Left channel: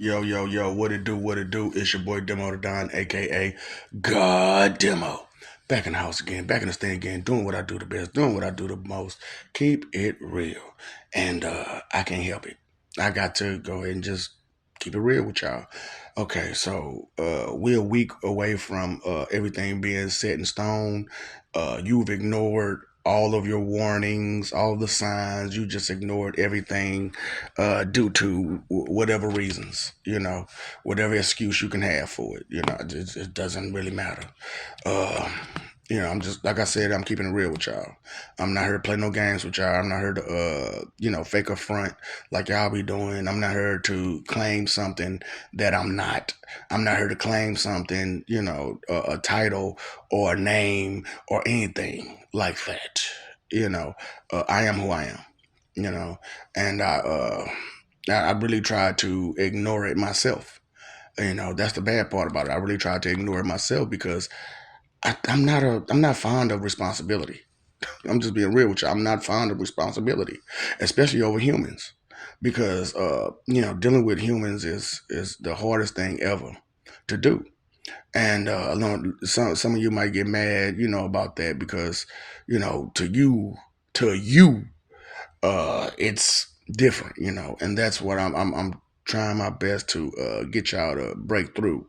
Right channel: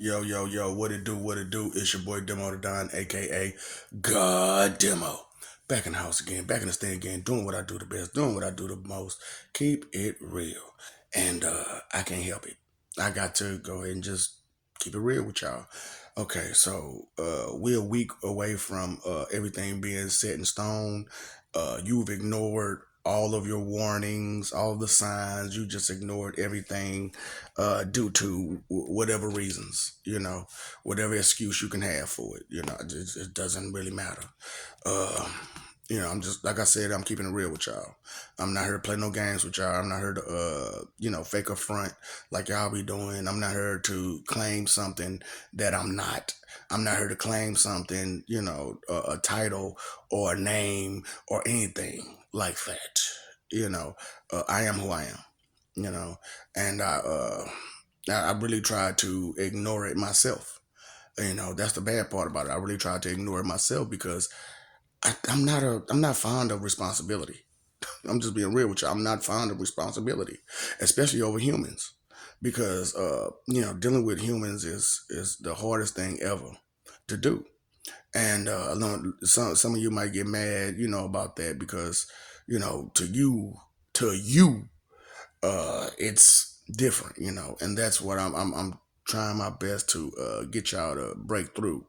Yo, yo, yo, what it do, what it do? It's your boy Demo the Don, aka God Demo. Back in the house again, back in the stand again, doing what I do the best, doing what I do the most. Keep it real. And I can't help it. I got to go ahead and just keep it real with y'all. Okay, so we're a week away from everything being set in stone. You've ignored all of your warnings, all the signs. You just ignored everything due to whatever reasons, whatever excuse you can have for it. It doesn't really matter. Uh, I'm just like I said, I'm keeping it real with y'all. I'm not here to play no games with y'all. I'm not here to fake a front like y'all be doing. I'm not here to claim something that I'm not. I'm not here to claim something, a title or a name or anything like that. I am who I am. You know, and I really tried to ignore it myself. That's the bad part about it. I really tried to ignore it myself because I'm not fond of responsibility. I'm just being real with you. I'm not fond of responsibility, especially over humans, because dealing with humans is the hardest thing ever to do. And I know some of you might get mad, about that because to you, it's different, and that's what I'm trying my best to get y'all to break through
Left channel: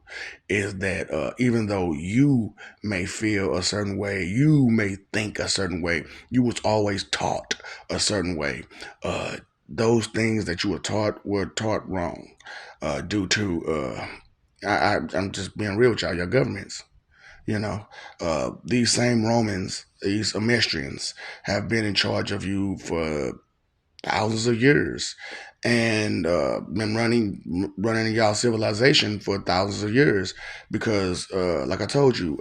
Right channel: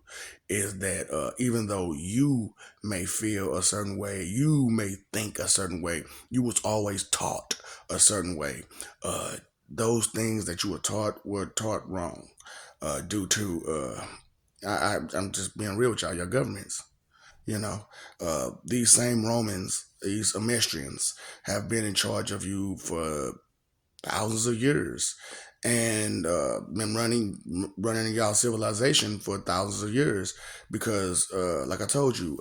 is that even though you may feel a certain way, you may think a certain way, you was always taught a certain way. Those things that you were taught wrong due to I'm just being real with y'all, your governments. These same Romans, these Emestrians, have been in charge of you for thousands of years and been running y'all civilization for thousands of years because like I told you,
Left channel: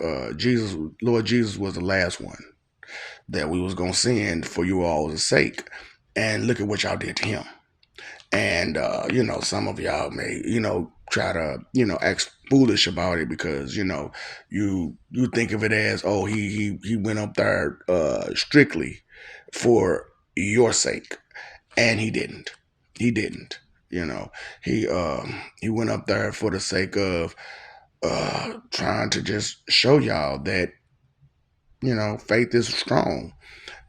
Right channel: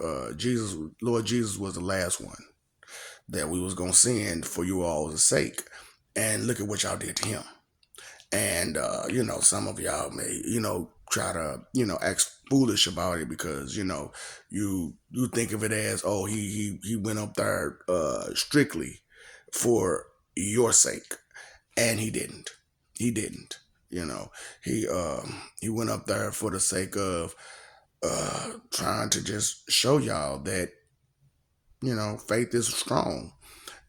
Lord Jesus was the last one that we was gonna send for you all's sake. And look at what y'all did to him. And some of y'all may try to act foolish about it because you think of it as, oh, he went up there strictly for your sake, and he didn't. He didn't. You know, he went up there for the sake of trying to just show y'all that faith is strong,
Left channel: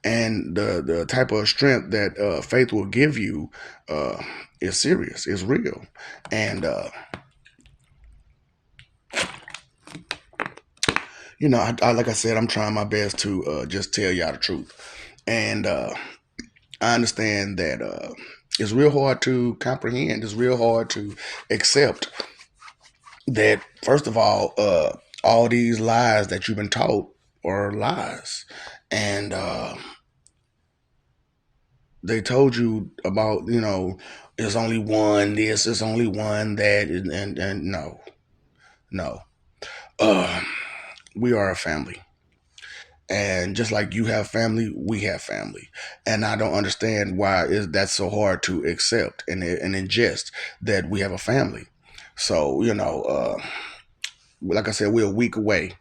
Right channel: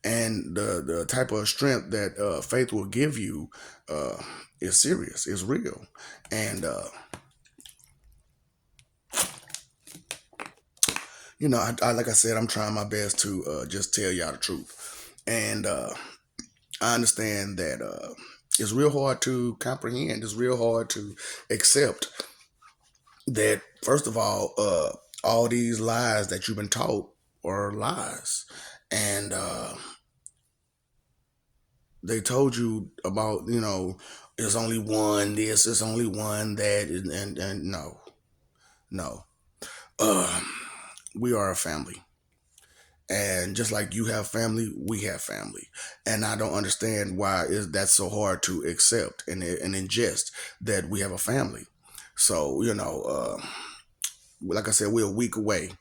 and the type of strength that faith will give you uh, is serious, is real, and like I said, I'm trying my best to just tell y'all the truth, and I understand that it's real hard to comprehend. It's real hard to accept that first of all these lies that you've been taught are lies, and they told you about it's only one this, it's only one that, and no, no. uh we are a family, and just like you have family, we have family, and I don't understand why is that so hard to accept and ingest that we have a family. So like I said, we're a week away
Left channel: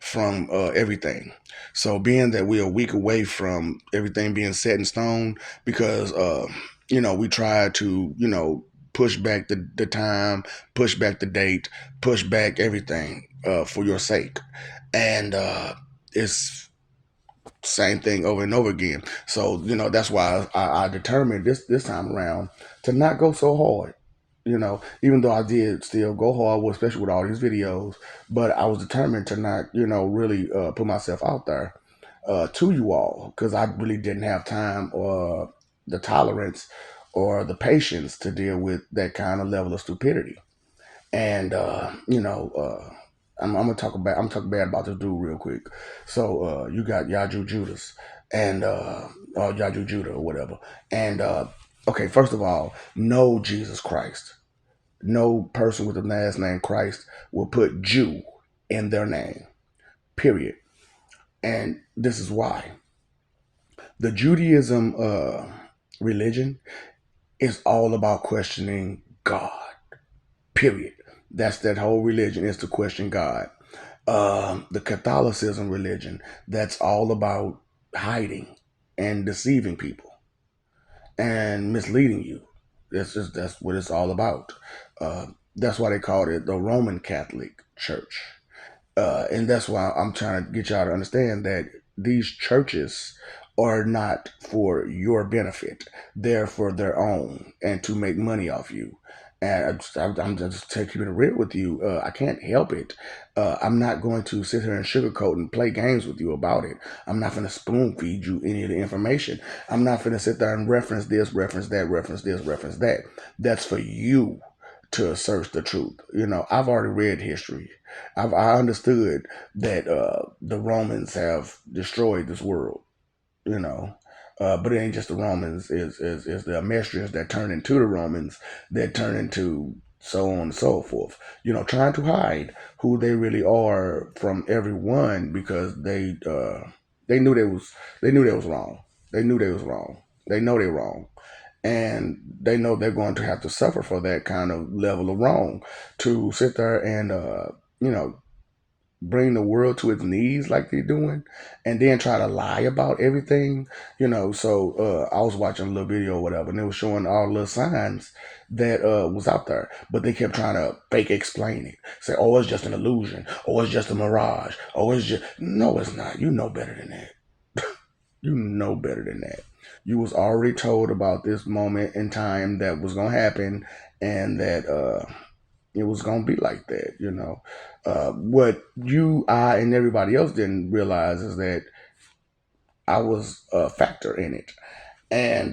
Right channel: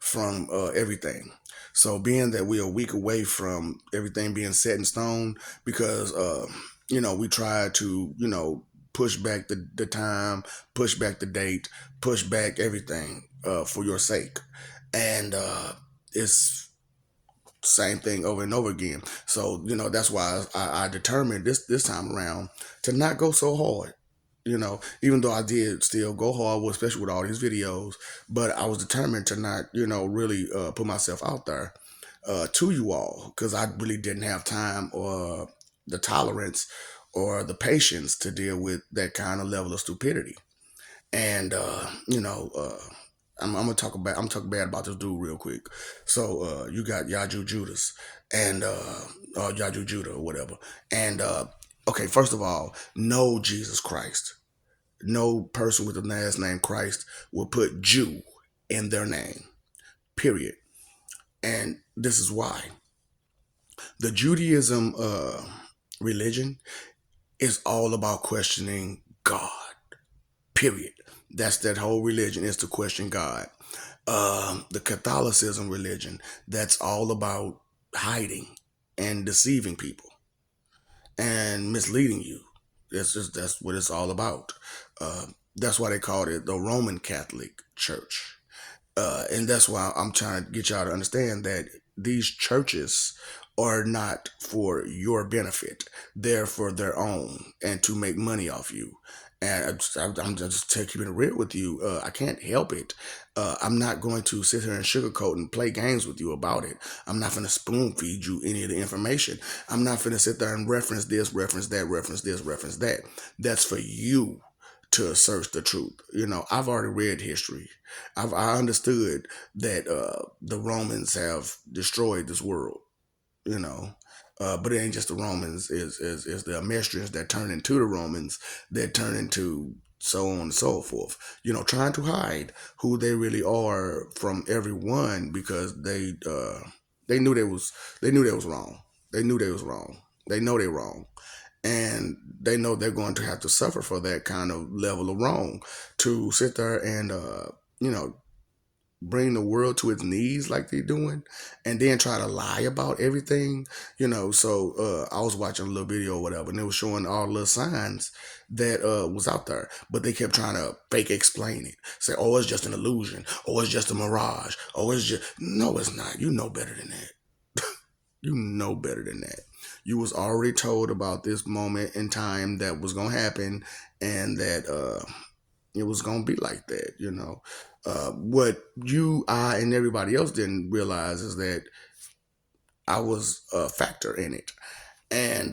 from everything. So being that we're a week away from everything being set in stone, because we try to push back the time, push back the date, push back everything for your sake, and it's same thing over and over again. So that's why I determined this time around to not go so hard. Even though I did still go hard, especially with all these videos, but I was determined to not, really put myself out there to you all because I really didn't have time or the tolerance or the patience to deal with that kind of level of stupidity. And I'm gonna talk about I'm talking bad about this dude real quick. So you got Yaju Judas and Yaju Judah or whatever. And okay, first of all, no Jesus Christ. No person with the last name Christ will put Jew in their name. Period. And this is why the Judaism religion is all about questioning God. Period. That's that whole religion is to question God. The Catholicism religion, that's all about hiding and deceiving people and misleading you. That's what it's all about. That's why they called it the Roman Catholic Church. And that's why I'm trying to get y'all to understand that these churches are not for your benefit. They're for their own and to make money off you. And I'm just keeping it real with you. I can't help it. I'm not going to sit here and sugarcoat and play games with you about it. I'm not going to spoon feed you any of the information. I'm not going to sit there and reference this, reference that, reference this, reference that. That's for you to search the truth. I've already read history. I understood that the Romans have destroyed this world. You know, but it ain't just the Romans. Is the Amestris that turn into the Romans that turn into so on and so forth. Trying to hide who they really are from everyone because they knew they was wrong. They knew they was wrong. They know they're wrong, and they know they're going to have to suffer for that kind of level of wrong to sit there and you know bring the world to its knees like they're doing and then try to lie about everything. So I was watching a little video or whatever, and it was showing all the little signs that was out there, but they kept trying to fake explain it, say, oh, it's just an illusion, oh, it's just a mirage, oh, it's just no, it's not. You know better than that. You know better than that. You was already told about this moment in time that was gonna happen, and that it was gonna be like that. What you, I, and everybody else didn't realize is that I was a factor in it, and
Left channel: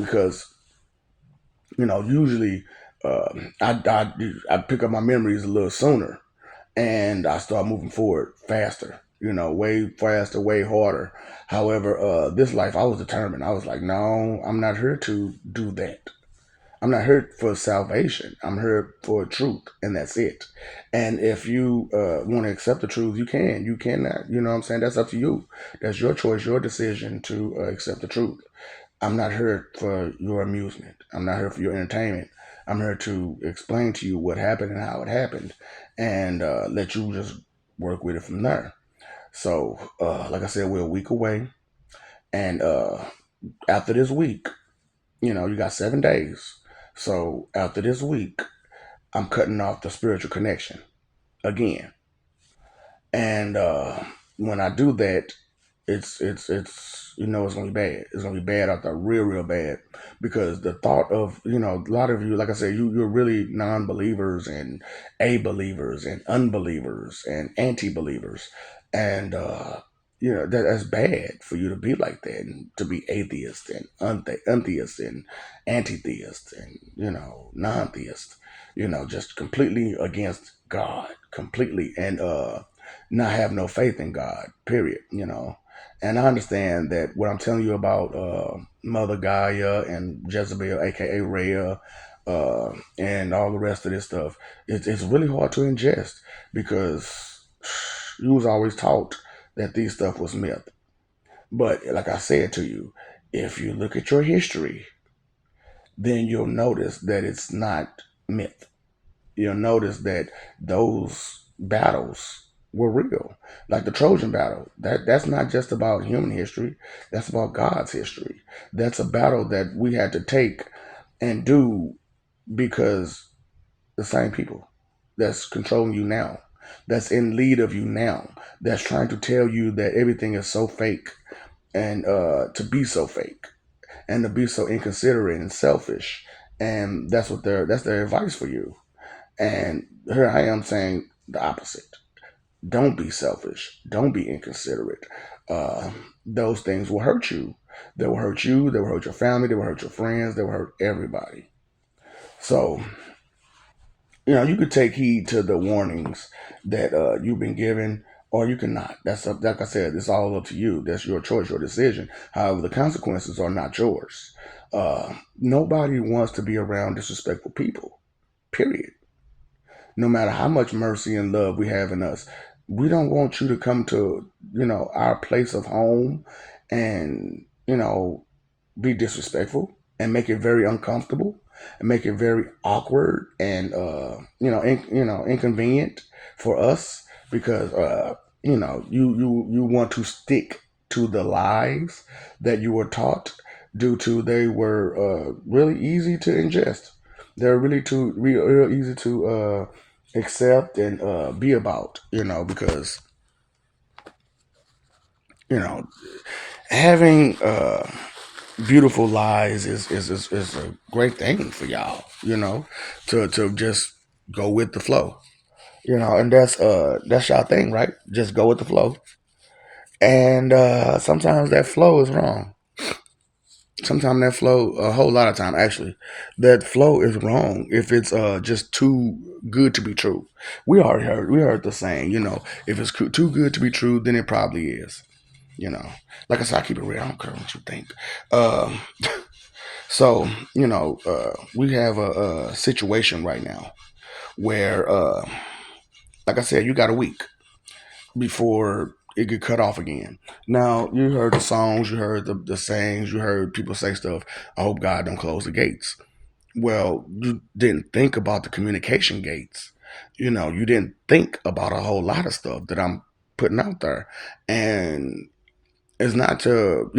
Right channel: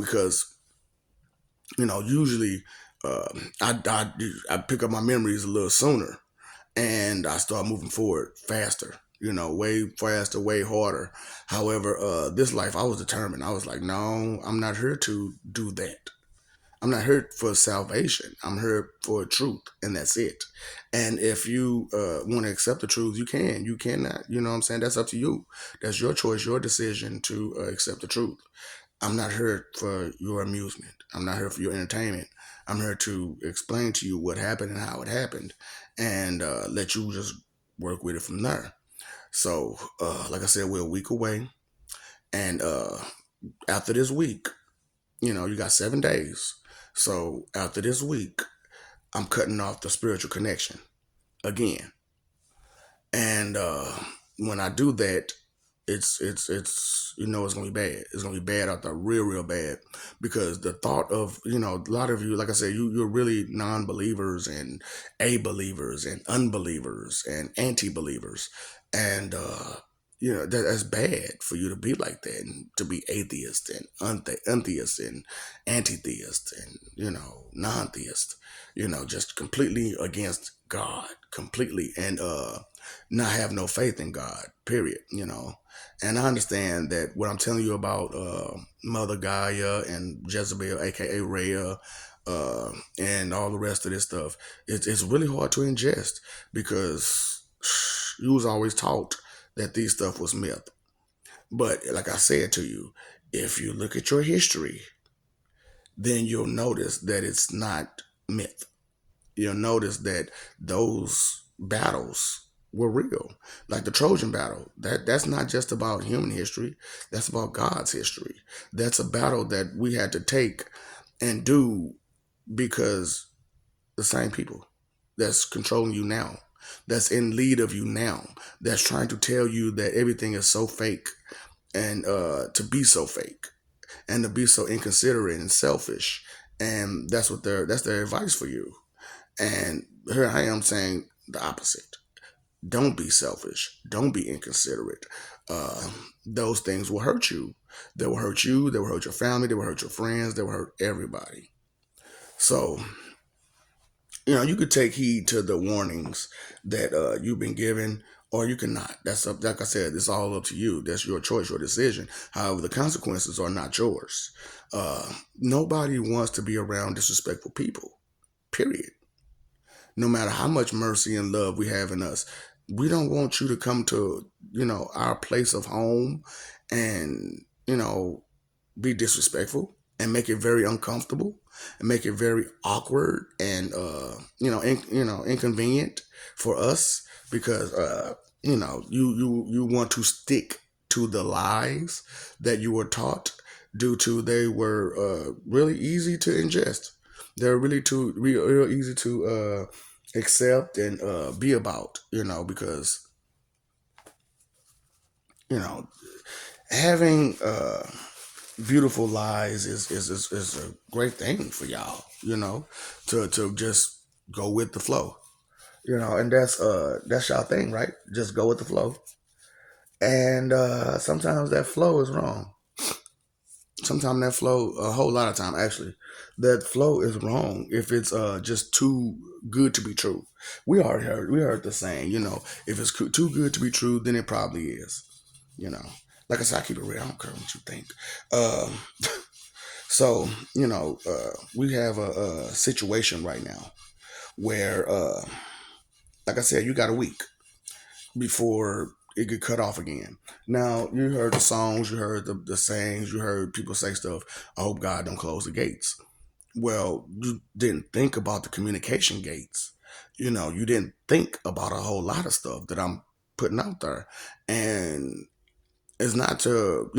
because usually uh, I pick up my memories a little sooner, and I start moving forward faster. Way faster, way harder. However, this life, I was determined. I was like, no, I'm not here to do that. I'm not here for salvation. I'm here for truth, and that's it. And if you want to accept the truth, you can. You cannot. You know what I'm saying? That's up to you. That's your choice, your decision to accept the truth. I'm not here for your amusement. I'm not here for your entertainment. I'm here to explain to you what happened and how it happened, and let you just work with it from there. So, like I said, we're a week away, and after this week, you got 7 days. So after this week, I'm cutting off the spiritual connection again. And when I do that, it's it's gonna be bad. It's gonna be bad out there, real bad, because the thought of a lot of you, like I said, you're really non-believers and a believers and unbelievers and anti-believers, and that's bad for you to be like that and to be atheist and untheist and anti-theist and non-theist, just completely against God, completely, and not have no faith in God, period. And I understand that what I'm telling you about Mother Gaia and Jezebel, aka Rhea, and all the rest of this stuff, it's really hard to ingest because you was always taught that these stuff was myth. But like I said to you, if you look at your history, then you'll notice that it's not myth. You'll notice that those battles were real. Like the Trojan battle. That's not just about human history. That's about God's history. That's a battle that we had to take and do because the same people that's controlling you now, that's in lead of you now, that's trying to tell you that everything is so fake and to be so fake and to be so inconsiderate and selfish. And that's their advice for you. And here I am saying the opposite. Don't be selfish. Don't be inconsiderate. Those things will hurt you. They will hurt you. They will hurt your family. They will hurt your friends. They will hurt everybody. So, you could take heed to the warnings that you've been given, or you cannot. That's up, like I said, it's all up to you. That's your choice, your decision. However, the consequences are not yours. Nobody wants to be around disrespectful people, period. No matter how much mercy and love we have in us, we don't want you to come to our place of home and be disrespectful and make it very uncomfortable and make it very awkward and inconvenient for us because you want to stick to the lies that you were taught due to they were really easy to ingest. They're really real easy to accept and be about, because you know having beautiful lies is a great thing for y'all, to just go with the flow, and that's y'all thing, right? Just go with the flow. And sometimes that flow is wrong. Sometimes that flow, a whole lot of time actually, that flow is wrong if it's just too good to be true. We heard the saying, if it's too good to be true, then it probably is. You know, like I said, I keep it real. I don't care what you think. Um, so we have a situation right now where, like I said, you got a week before it get cut off again. Now you heard the songs, you heard the sayings, you heard people say stuff. I hope God don't close the gates. Well, you didn't think about the communication gates. You didn't think about a whole lot of stuff that I'm putting out there, and it's not to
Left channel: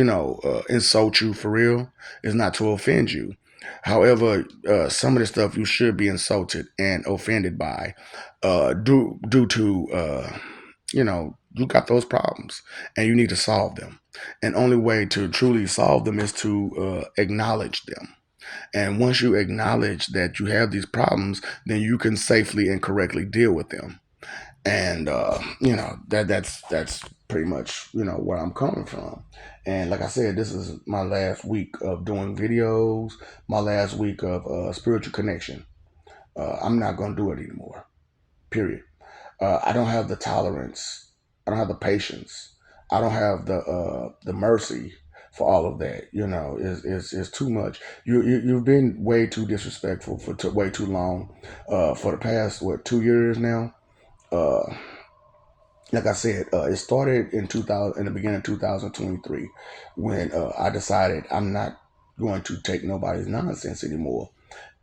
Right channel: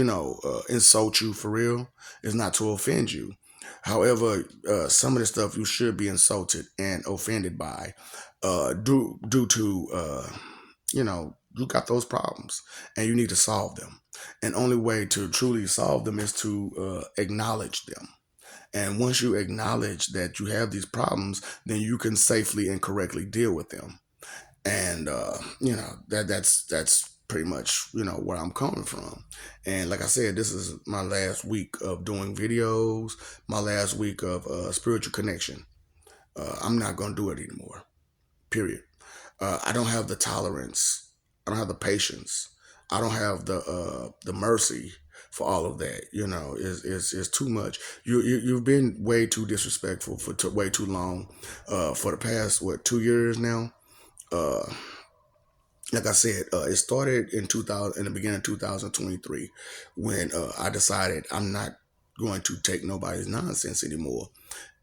insult you for real. It's not to offend you. However, some of the stuff you should be insulted and offended by, due to you got those problems and you need to solve them. And only way to truly solve them is to acknowledge them. And once you acknowledge that you have these problems, then you can safely and correctly deal with them. And that's pretty much where I'm coming from. And like I said, this is my last week of doing videos, my last week of spiritual connection. I'm not gonna do it anymore. Period. I don't have the tolerance. I don't have the patience. I don't have the mercy for all of that. Is too much. You've been way too disrespectful for way too long. For the past 2 years now. Uh, like I said, it started in 2000, in the beginning of 2023, when I decided I'm not going to take nobody's nonsense anymore.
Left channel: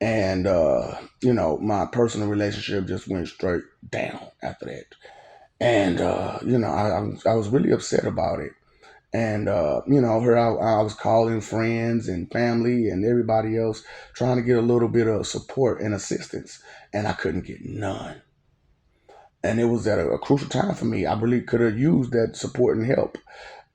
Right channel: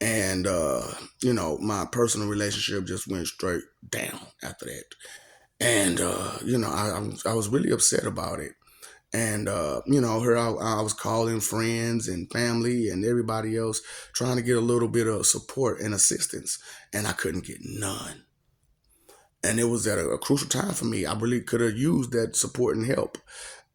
And my personal relationship just went straight down after that. And I was really upset about it. And her I was calling friends and family and everybody else, trying to get a little bit of support and assistance, and I couldn't get none. And it was at a crucial time for me. I really could have used that support and help,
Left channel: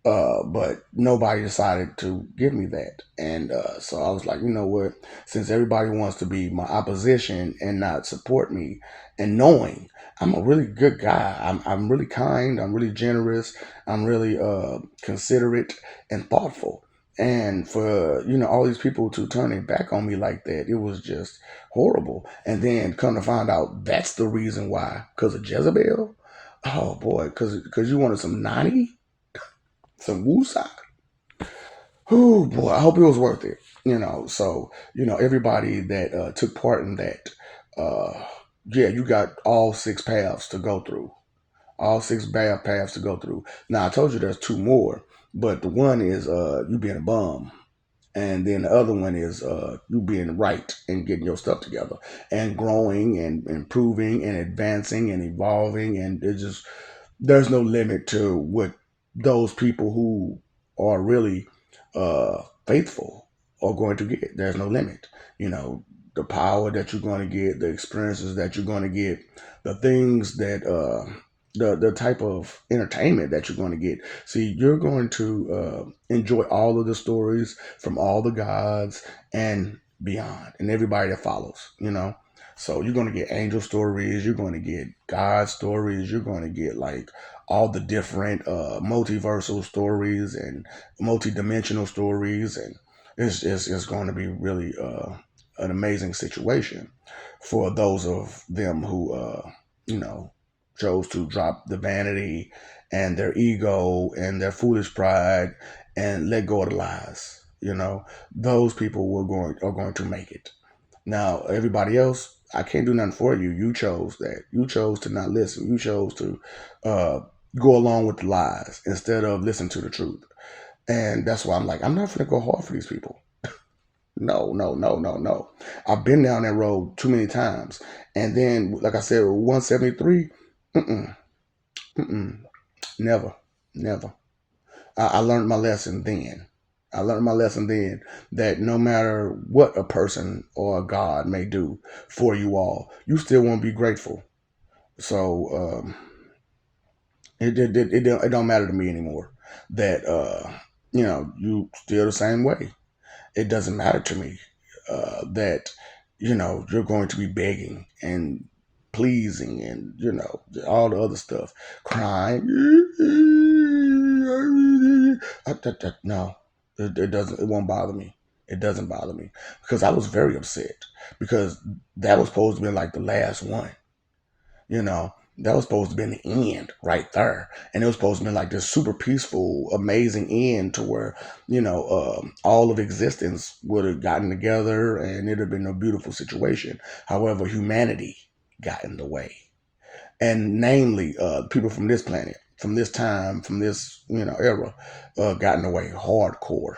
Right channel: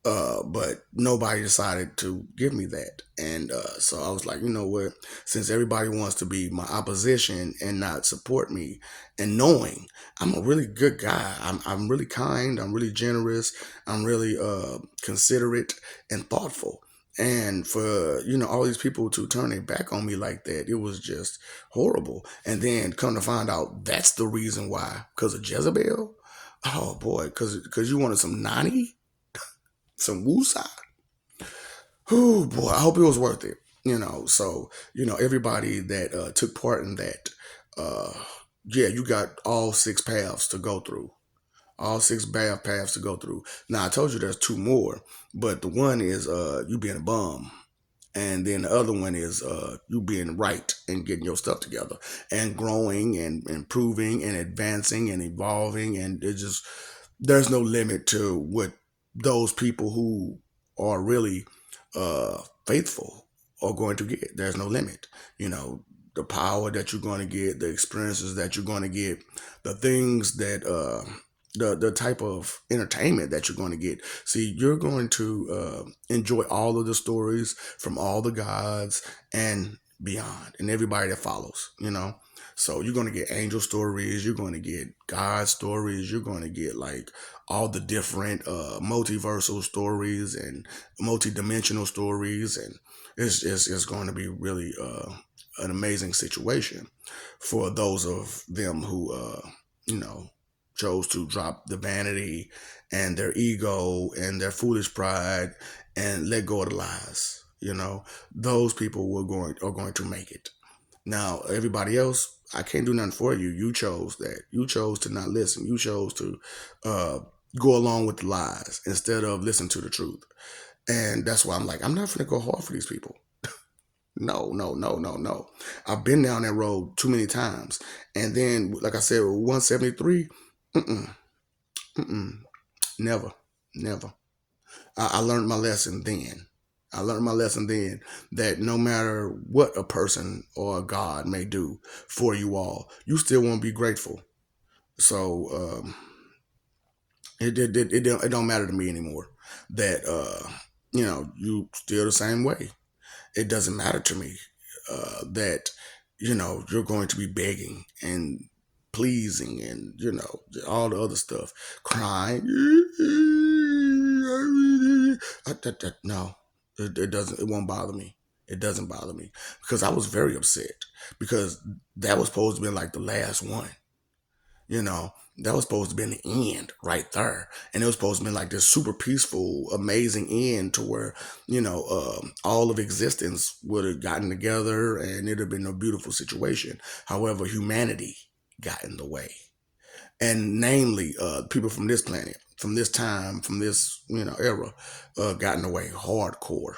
but nobody decided to give me that. And so I was like, you know what? Since everybody wants to be my opposition and not support me, and knowing I'm a really good guy, I'm really kind, I'm really generous, I'm really considerate and thoughtful. And for all these people to turn their back on me like that, it was just horrible. And then come to find out that's the reason why, because of Jezebel. Oh boy, because you wanted some nani, some woosah. Oh boy, I hope it was worth it. So everybody that took part in that, uh, yeah, you got all six paths to go through, all six bad paths to go through. Now I told you there's two more, but the one is you being a bum, and then the other one is you being right and getting your stuff together and growing and improving and advancing and evolving, and it just there's no limit to what those people who are really faithful are going to get. There's no limit. The power that you're going to get, the experiences that you're going to get, the things that the type of entertainment that you're going to get. See, you're going to enjoy all of the stories from all the gods and beyond, and everybody that follows. So you're going to get angel stories, you're going to get God stories, you're going to get like all the different multiversal stories and multi-dimensional stories, and it's going to be really an amazing situation for those of them who you know chose to drop the vanity and their ego and their foolish pride and let go of the lies. Those people are going to make it. Now, everybody else, I can't do nothing for you. You chose that. You chose to not listen. You chose to uh, go along with the lies instead of listen to the truth. And that's why I'm like, I'm not going to go hard for these people. No, no, no, no, no. I've been down that road too many times. And then, like I said, 173, mm-mm, mm-mm, never, never. I learned my lesson then. I learned my lesson then that no matter what a person or a God may do for you all, you still want to be grateful. So it don't matter to me anymore that you still the same way. It doesn't matter to me that you're going to be begging and pleasing and all the other stuff, crying. No, it doesn't. It won't bother me. It doesn't bother me because I was very upset because that was supposed to be like the last one. That was supposed to be the end right there, and it was supposed to be like this super peaceful, amazing end to where all of existence would have gotten together and it'd have been a beautiful situation. However, humanity got in the way, and namely, people from this planet, from this time, from this era, got in the way hardcore.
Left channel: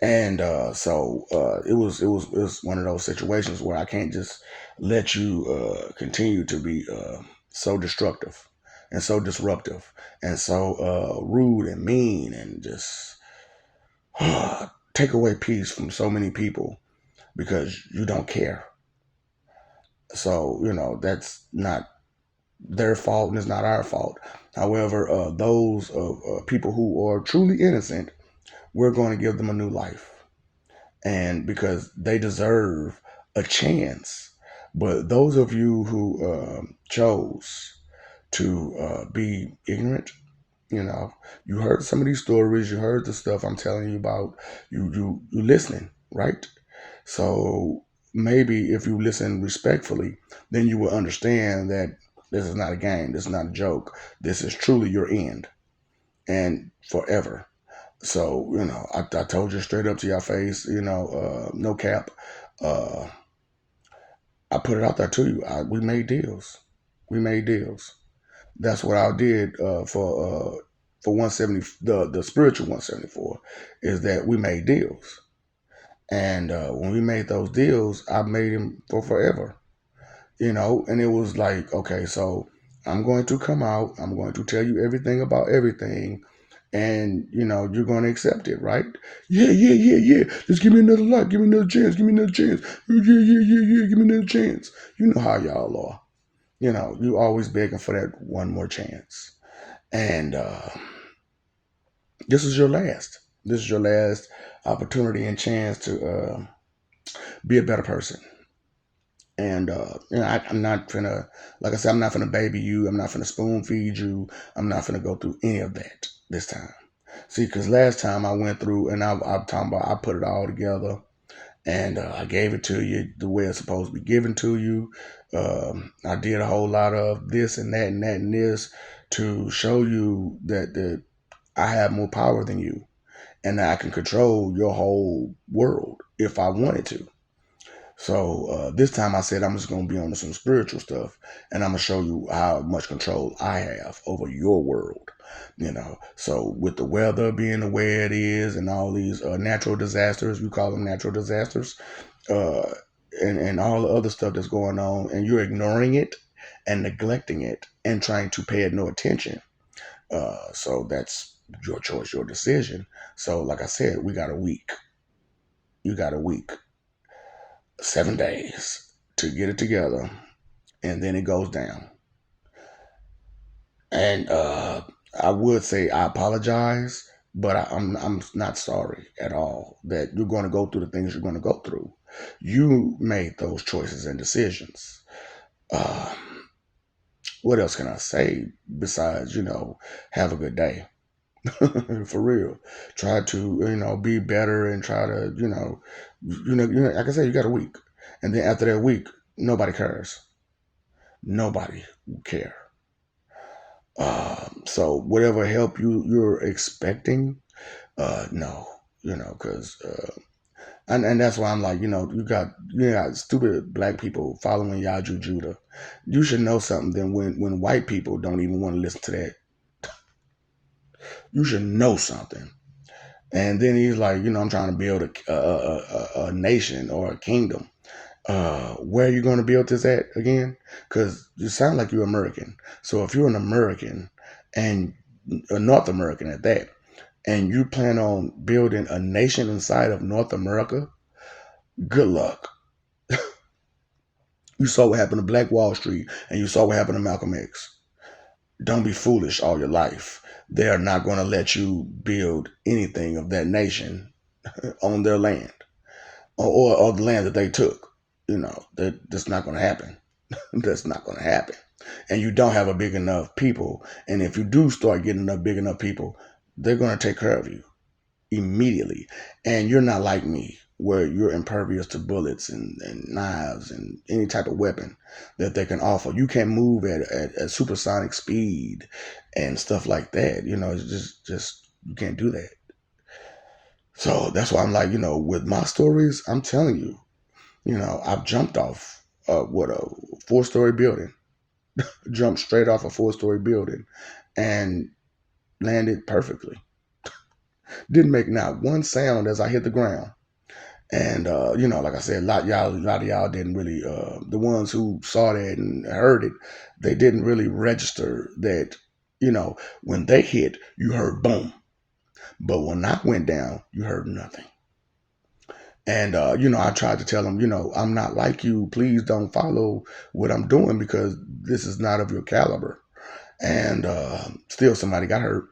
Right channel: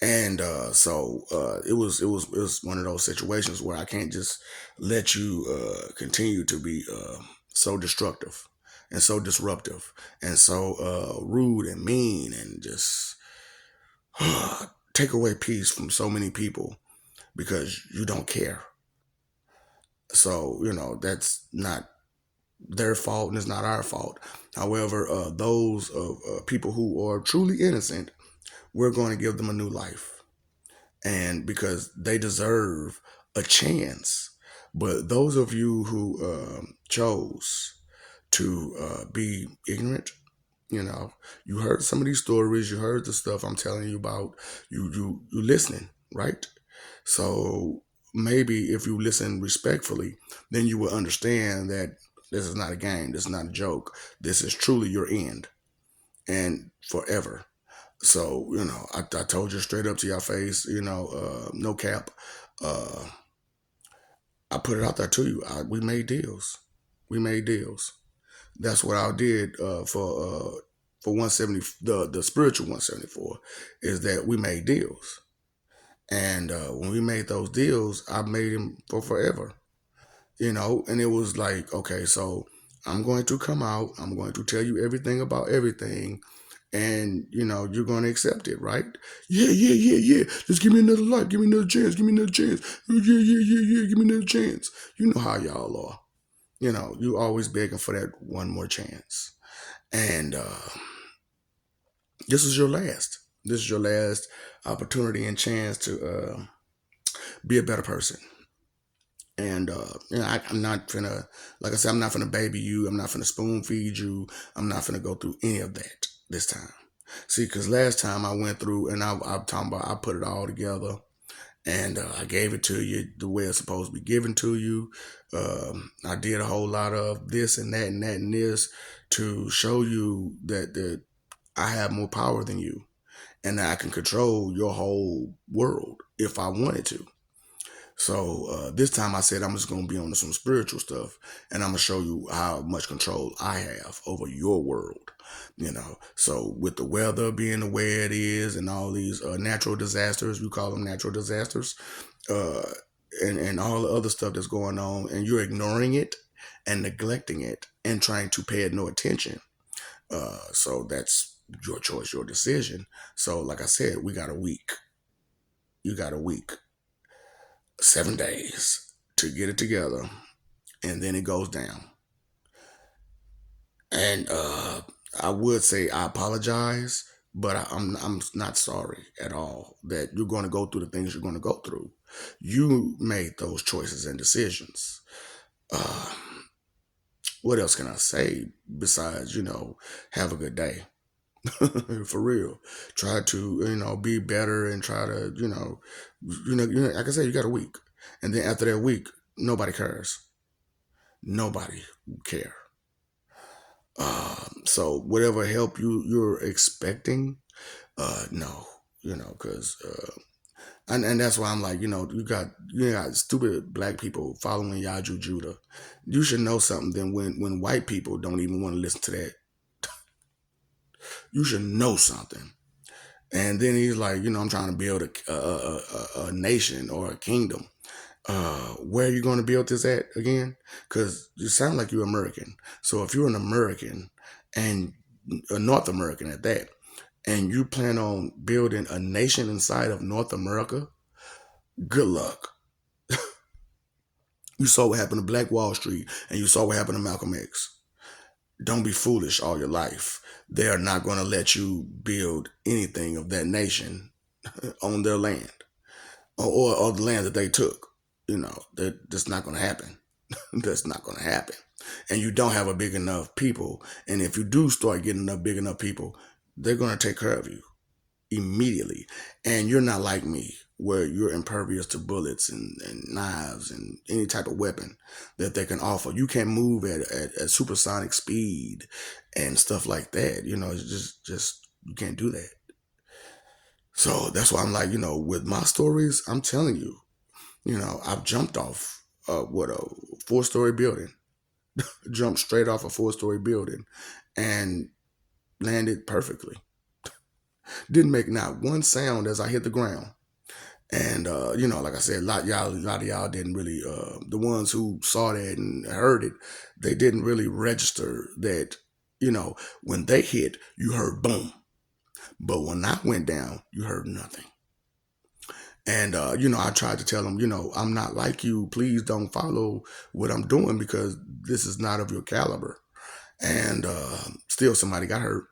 And it was one of those situations where I can't just let you continue to be so destructive and so disruptive and so rude and mean and just take away peace from so many people because you don't care. So that's not their fault and it's not our fault. However, those people who are truly innocent, we're going to give them a new life, and because they deserve a chance. But those of you who chose to be ignorant, you know, you heard some of these stories, you heard the stuff I'm telling you about, you listening, right? So maybe if you listen respectfully, then you will understand that this is not a game, this is not a joke, this is truly your end and forever. So, I told you straight up to your face, no cap. Uh, I put it out there to you. We made deals. We made deals. That's what I did for 170, the spiritual 174, is that we made deals. And when we made those deals, I made them for forever. And it was like, okay, so I'm going to come out, I'm going to tell you everything about everything, and you're going to accept it, right? Yeah, yeah, yeah, yeah. Just give me another life, give me another chance, give me another chance. Yeah, yeah, yeah, yeah, yeah. Give me another chance. You know how y'all are. You always begging for that one more chance, and this is your last. This is your last opportunity and chance to be a better person. And I'm not gonna, like I said, I'm not gonna baby you. I'm not gonna spoon feed you. I'm not gonna go through any of that this time. See, because last time I went through and I'm talking about I put it all together and I gave it to you the way it's supposed to be given to you. I did a whole lot of this and that and that and this to show you that I have more power than you and that I can control your whole world if I wanted to. So this time I said I'm just gonna be on some spiritual stuff, and I'm gonna show you how much control I have over your world. So with the weather being the way it is, and all these natural disasters, you call them natural disasters, uh, and all the other stuff that's going on, and you're ignoring it and neglecting it and trying to pay it no attention. So that's your choice, your decision. So like I said, we got a week. You got a week. 7 days to get it together, and then it goes down. And I would say I apologize, but I'm not sorry at all that you're going to go through the things you're going to go through. You made those choices and decisions. Uh, what else can I say besides have a good day? For real, try to be better and try to like I said, you got a week, and then after that week, nobody cares. Nobody will care. So whatever help you're expecting, no, because and that's why I'm like, you got stupid black people following Yaju Judah. You should know something. Then when white people don't even want to listen to that, you should know something. And then he's like, I'm trying to build a nation or a kingdom. Where are you going to build this at again? Because you sound like you're American. So if you're an American and a North American at that, and you plan on building a nation inside of North America, good luck. You saw what happened to Black Wall Street, and you saw what happened to Malcolm X. Don't be foolish all your life. They are not going to let you build anything of that nation on their land, or the land that they took. That's not going to happen. That's not going to happen. And you don't have a big enough people. And if you do start getting enough big enough people, they're going to take care of you immediately. And you're not like me, where you're impervious to bullets and knives and any type of weapon that they can offer. You can't move at supersonic speed and stuff like that. It's just you can't do that. So that's why I'm like, with my stories, I'm telling you, I've jumped off what a 4-story building, jumped straight off a 4-story building, and landed perfectly. Didn't make not one sound as I hit the ground. And like I said, a lot of y'all didn't really. The ones who saw that and heard it, they didn't really register that. When they hit, you heard boom, but when I went down, you heard nothing. And I tried to tell them, I'm not like you. Please don't follow what I'm doing because this is not of your caliber. And still, somebody got hurt.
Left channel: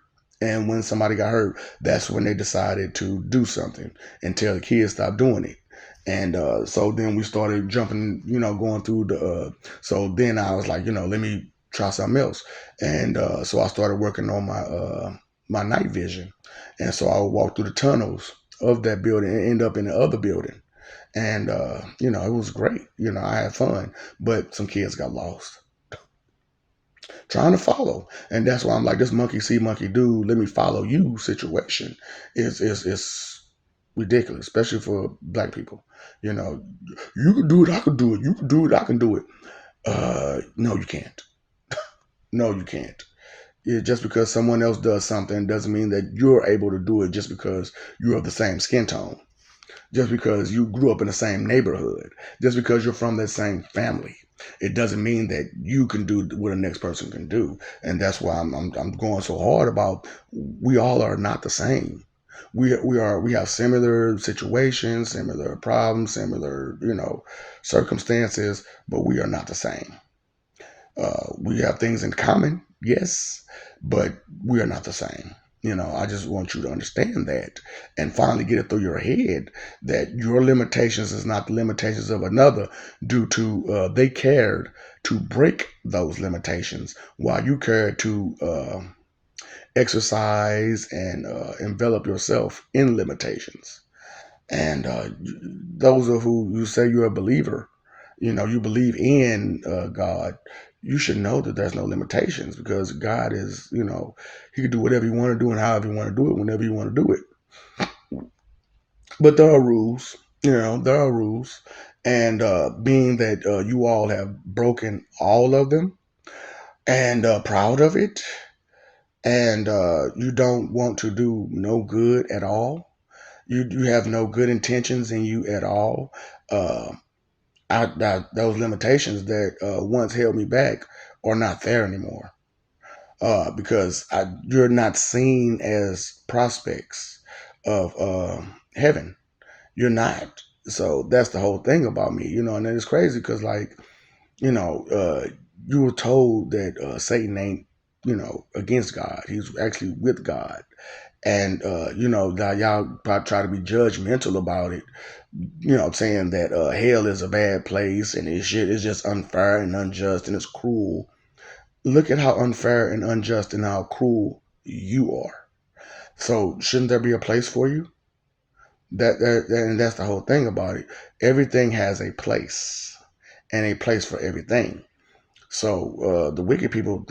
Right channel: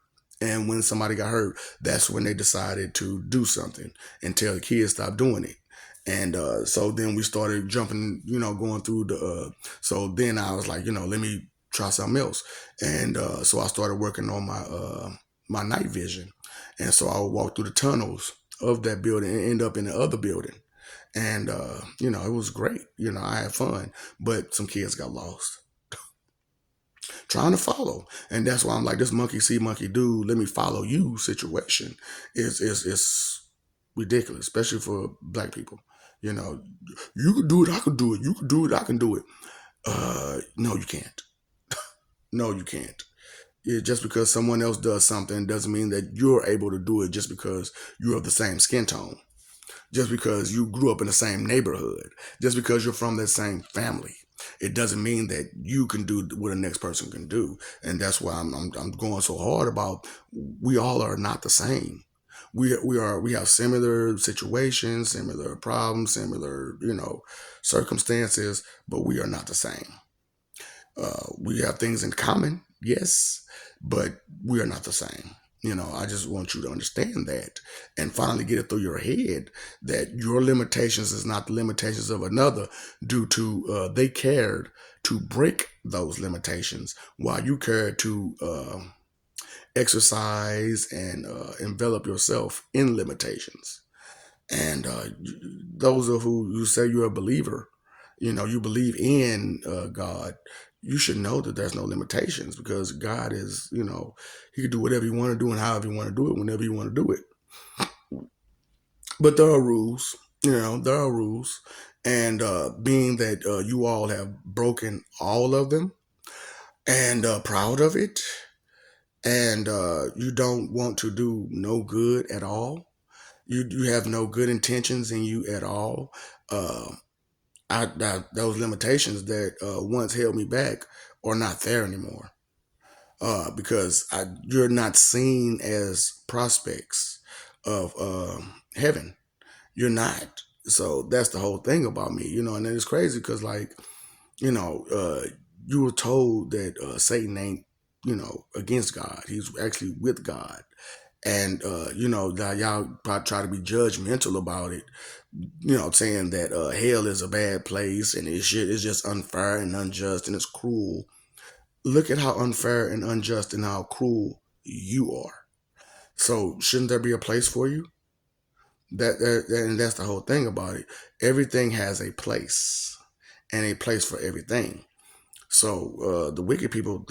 And when somebody got hurt, that's when they decided to do something and tell the kids stop doing it. And so then we started jumping, going through the. So then I was like, let me try something else. And so I started working on my night vision. And so I would walk through the tunnels of that building and end up in the other building. And it was great. I had fun, but some kids got lost trying to follow. And that's why I'm like, this monkey see, monkey do, let me follow you situation is ridiculous, especially for black people. You know, you can do it, I can do it. You can do it, I can do it. No, you can't. No, you can't. Just because someone else does something doesn't mean that you're able to do it just because you're of the same skin tone, just because you grew up in the same neighborhood, just because you're from that same family. It doesn't mean that you can do what the next person can do. And that's why I'm going so hard about, we all are not the same. We have similar situations, similar problems, similar, circumstances, but we are not the same. We have things in common, yes, but we are not the same. I just want you to understand that and finally get it through your head that your limitations is not the limitations of another, due to they cared to break those limitations while you cared to exercise and envelop yourself in limitations. And those of who you say you're a believer, you believe in God, you should know that there's no limitations, because God is, he can do whatever you want to do and however you want to do it, whenever you want to do it. But there are rules, there are rules. And being that you all have broken all of them and proud of it, and you don't want to do no good at all, you have no good intentions in you at all. Uh, those limitations that once held me back are not there anymore, because you're not seen as prospects of heaven. You're not. So that's the whole thing about me, and it's crazy because, like, you know, uh, you were told that Satan ain't, against God. He's actually with God. And, now y'all probably try to be judgmental about it, saying that hell is a bad place and this shit is just unfair and unjust and it's cruel. Look at how unfair and unjust and how cruel you are. So shouldn't there be a place for you? And that's the whole thing about it. Everything has a place, and a place for everything. So the wicked people,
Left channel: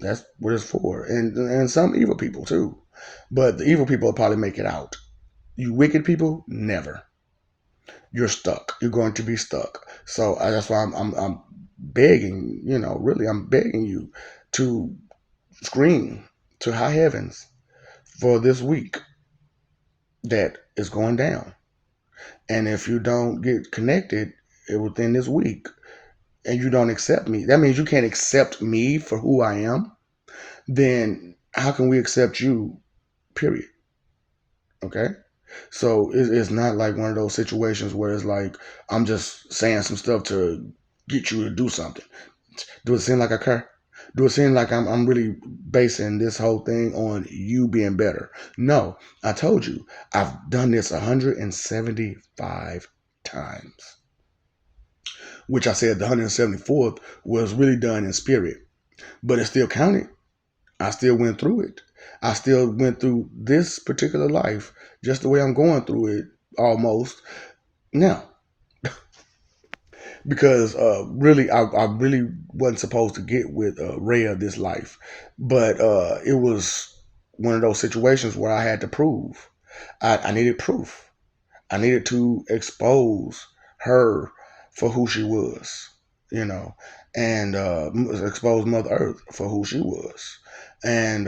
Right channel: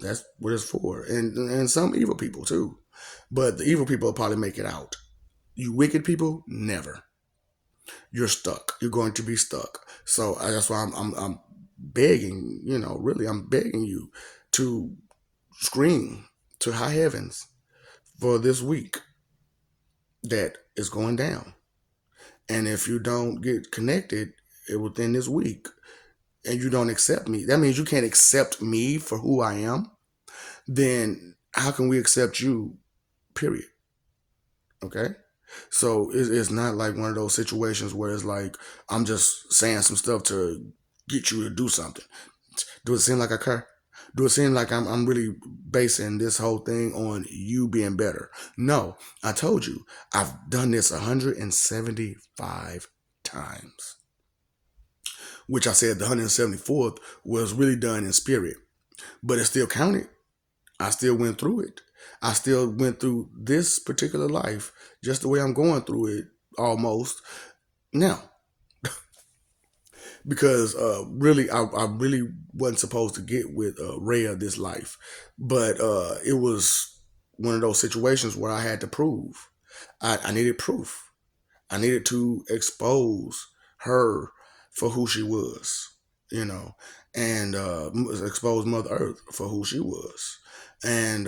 that's what it's for, and some evil people too. But the evil people will probably make it out. You wicked people, never. You're stuck. You're going to be stuck. So that's why I'm begging. Really, I'm begging you to scream to high heavens for this week that is going down. And if you don't get connected within this week, and you don't accept me, that means you can't accept me for who I am. Then how can we accept you? Period. Okay. So it's not like one of those situations where it's like I'm just saying some stuff to get you to do something. Do it seem like I care? Do it seem like I'm really basing this whole thing on you being better? No, I told you I've done this 175 times, which I said the 174th was really done in spirit, but it still counted. I still went through it. I still went through this particular life just the way I'm going through it almost now, because really I really wasn't supposed to get with Rhea this life, but it was one of those situations where I had to prove. I needed proof. I needed to expose her for who she was, you know, and expose Mother Earth for who she was, and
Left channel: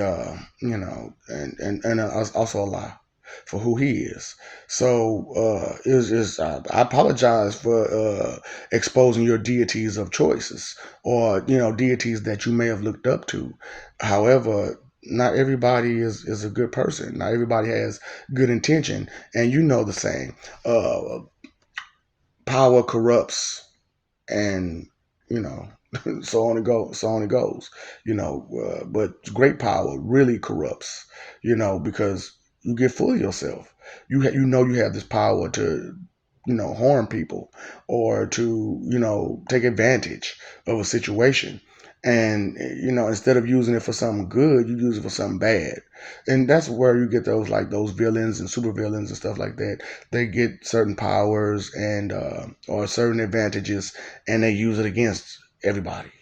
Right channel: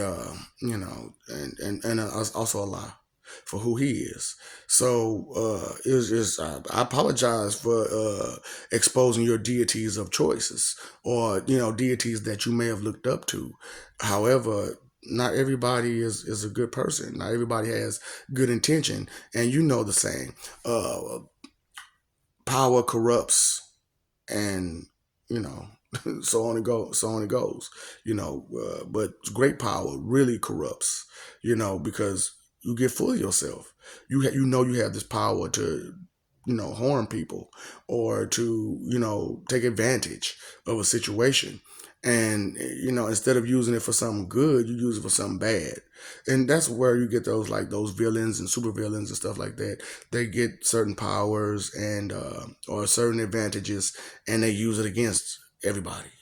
and also Allah for who He is. So it was just I apologize for exposing your deities of choices, or deities that you may have looked up to. However, not everybody is a good person. Not everybody has good intention, and you know the saying, uh, power corrupts, and you know, so on it goes. But great power really corrupts. Because you get full of yourself. You have this power to harm people, or to take advantage of a situation, and instead of using it for something good, you use it for something bad. And that's where you get those, like, those villains and super villains and stuff like that. They get certain powers and or certain advantages, and they use it against everybody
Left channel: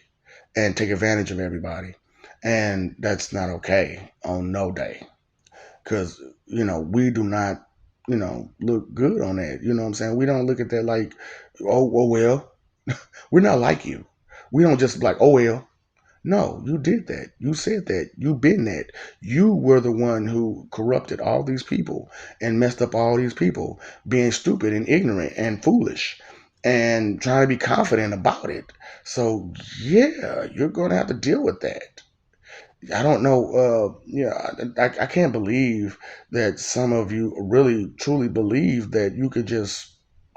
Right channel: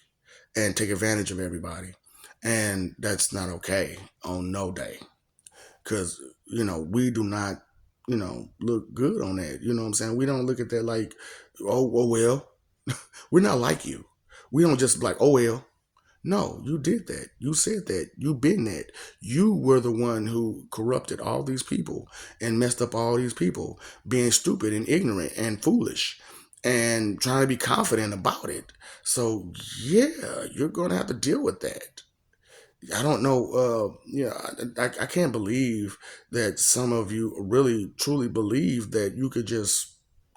and take advantage of everybody. And that's not okay on no day, because we do not look good on that. You know what I'm saying? We don't look at that like, oh well. We're not like you. We don't just like, oh well. No, you did that. You said that. You been that. You were the one who corrupted all these people and messed up all these people, being stupid and ignorant and foolish and trying to be confident about it. So yeah, you're gonna have to deal with that. I don't know. I can't believe that some of you really truly believe that you could just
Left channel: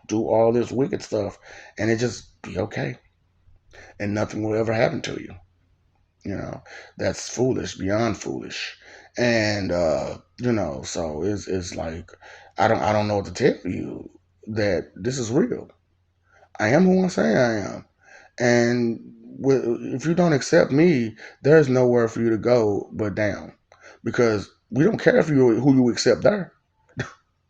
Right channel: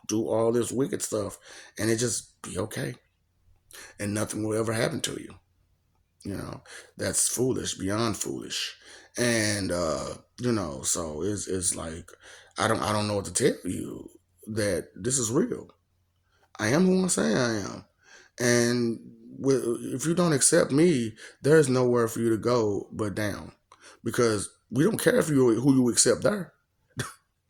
do all this wicked stuff and it just be okay and nothing will ever happen to you. That's foolish, beyond foolish. And so it's like, I don't know what to tell you, that this is real. I am who I say I am. And if you don't accept me, there's nowhere for you to go but down, because we don't care if you who you accept there.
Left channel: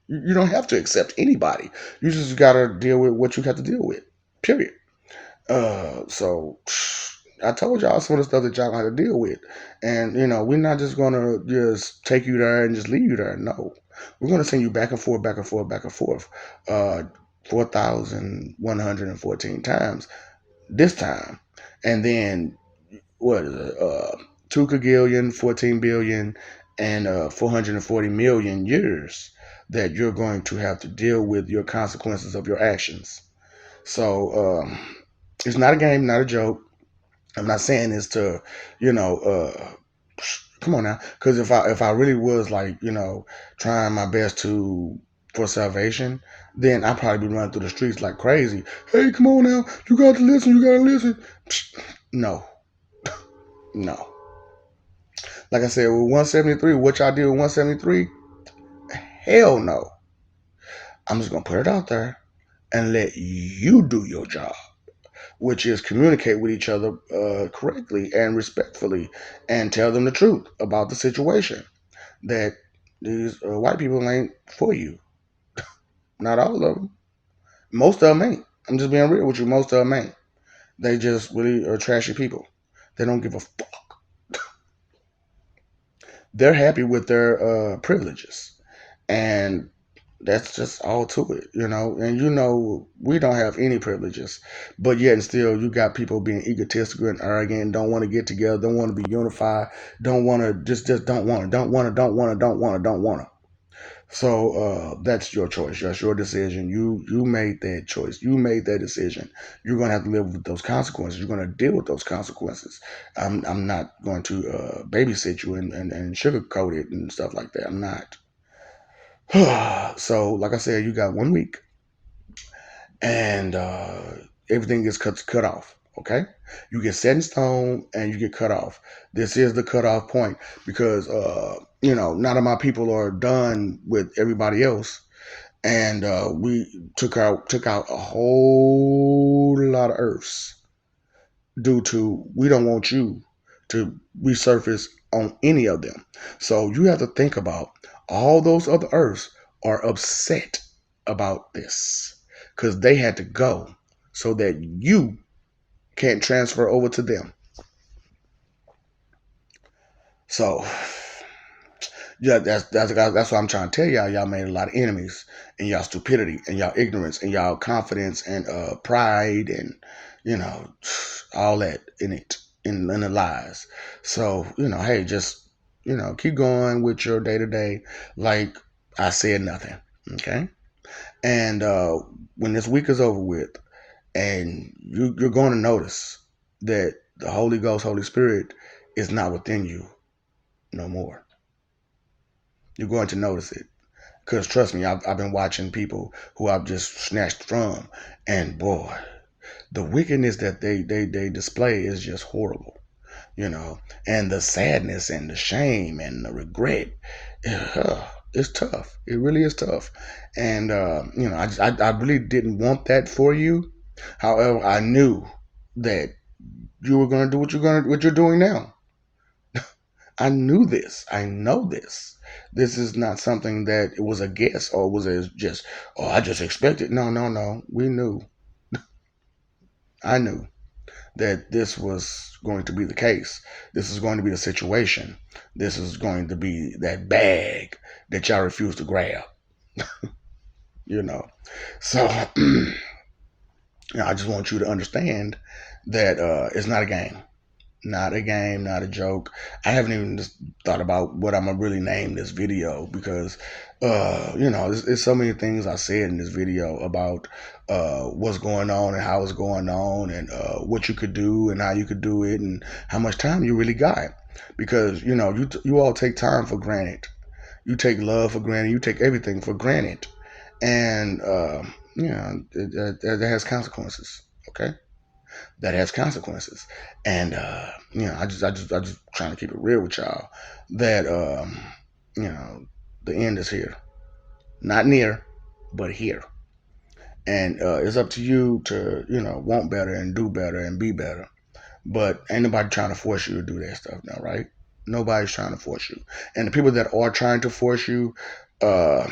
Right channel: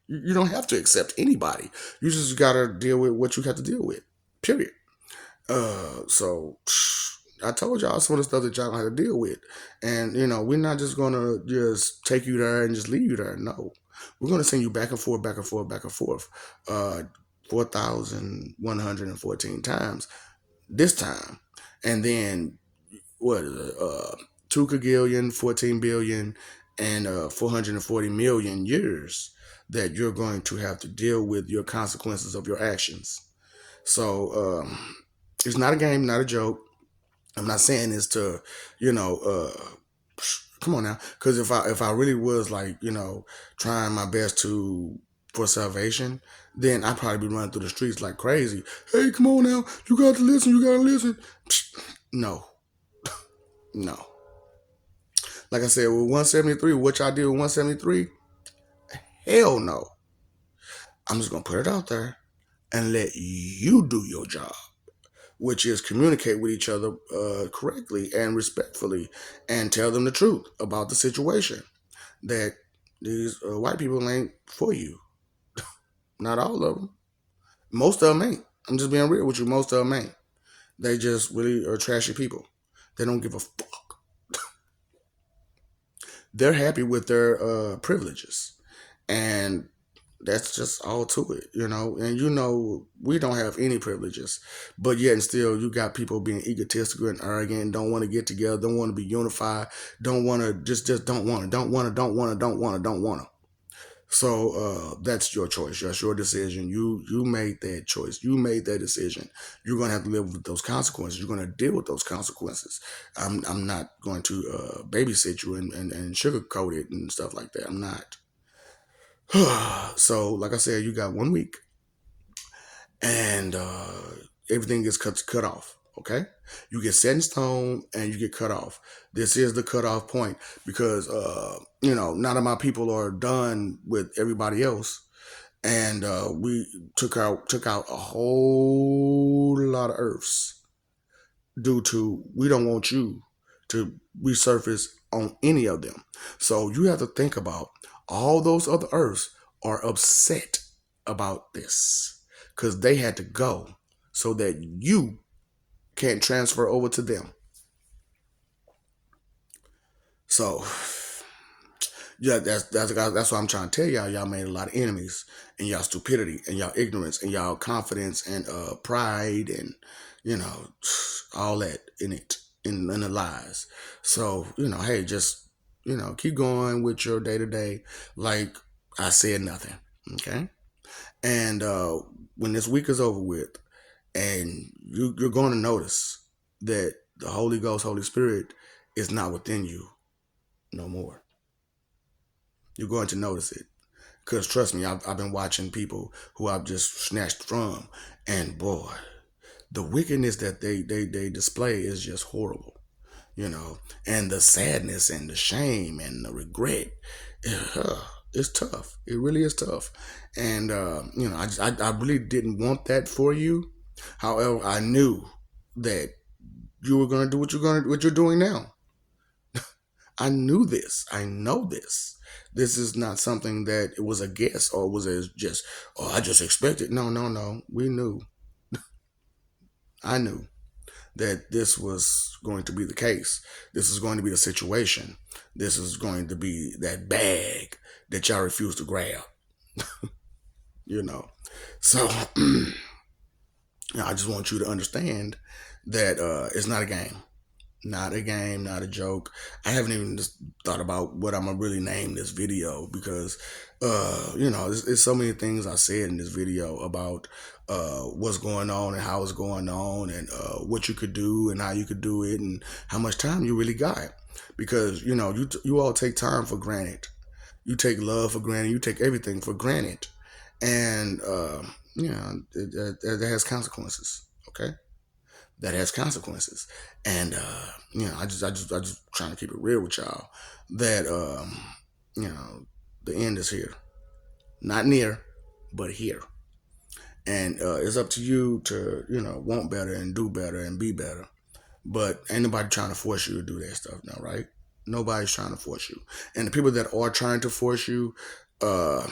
You don't have to accept anybody. You just gotta deal with what you have to deal with. Period. So I told y'all some of the stuff that y'all got to deal with, and we're not just gonna just take you there and just leave you there. No, we're gonna send you back and forth, back and forth, back and forth, 4,114 times this time, and then what? 2 kagillion, 14 billion, and 440 million years that you're going to have to deal with your consequences of your actions. So it's not a game, not a joke. I'm not saying this to, come on now, because if I really was, like, trying my best to for salvation, then I'd probably be running through the streets like crazy. Hey, come on now, you got to listen, you got to listen. No, no. Like I said, with 173, what y'all did with 173? Hell no. I'm just gonna put it out there and let you do your job, which is communicate with each other correctly and respectfully, and tell them the truth about the situation, that these white people ain't for you. Not all of them. Most of them ain't. I'm just being real with you. Most of them ain't. They just really are trashy people. They don't give a fuck. They're happy with their privileges, and that's just all to it. And we don't have any privileges, but yet and still you got people being egotistical and arrogant, don't want to get together, don't want to be unified, don't want to, just don't want to, don't want to. So that's your choice. That's your decision. You made that choice. You made that decision. You're gonna have to live with those consequences. You're gonna deal with those consequences. I'm not going to babysit you and sugarcoat it and stuff like that. I'm not. So, like I said, you got 1 week, and everything gets cut off. Okay, you get set in stone, and you get cut off. This is the cutoff point because none of my people are done with everybody else, and we took out a whole lot of Earths due to we don't want you to resurface on any of them. So you have to think about all those other Earths are upset about this because they had to go so that you can't transfer over to them. So yeah, that's what I'm trying to tell y'all. Y'all made a lot of enemies and y'all stupidity and y'all ignorance and y'all confidence and pride and you know all that in it in the lies. So hey, just keep going with your day to day. Like I said, nothing. Okay, and when this week is over with, and you're going to notice that the Holy Ghost, Holy Spirit, is not within you no more. You're going to notice it. Because trust me, I've been watching people who I've just snatched from, and boy, the wickedness that they display is just horrible, and the sadness and the shame and the regret, it's tough. It really is tough, and I really didn't want that for you. However, I knew that you were going to do what you're doing now. I knew this. I know this. This is not something that it was a guess or was a just, oh, I just expected. No, no, no. We knew. I knew that this was going to be the case. This is going to be the situation. This is going to be that bag that y'all refuse to grab, you know. So I just want you to understand that it's not a game. Not a game, not a joke. I haven't even just thought about what I'm gonna really name this video because, there's so many things I said in this video about what's going on and how it's going on and what you could do and how you could do it and how much time you really got. Because you all take time for granted. You take love for granted. You take everything for granted, and it has consequences. Okay, that has consequences. And I just trying to keep it real with y'all that you know, the end is here. Not near, but here. And it's up to you to, want better and do better and be better. But ain't nobody trying to force you to do that stuff now, right? Nobody's trying to force you. And the people that are trying to force you, uh,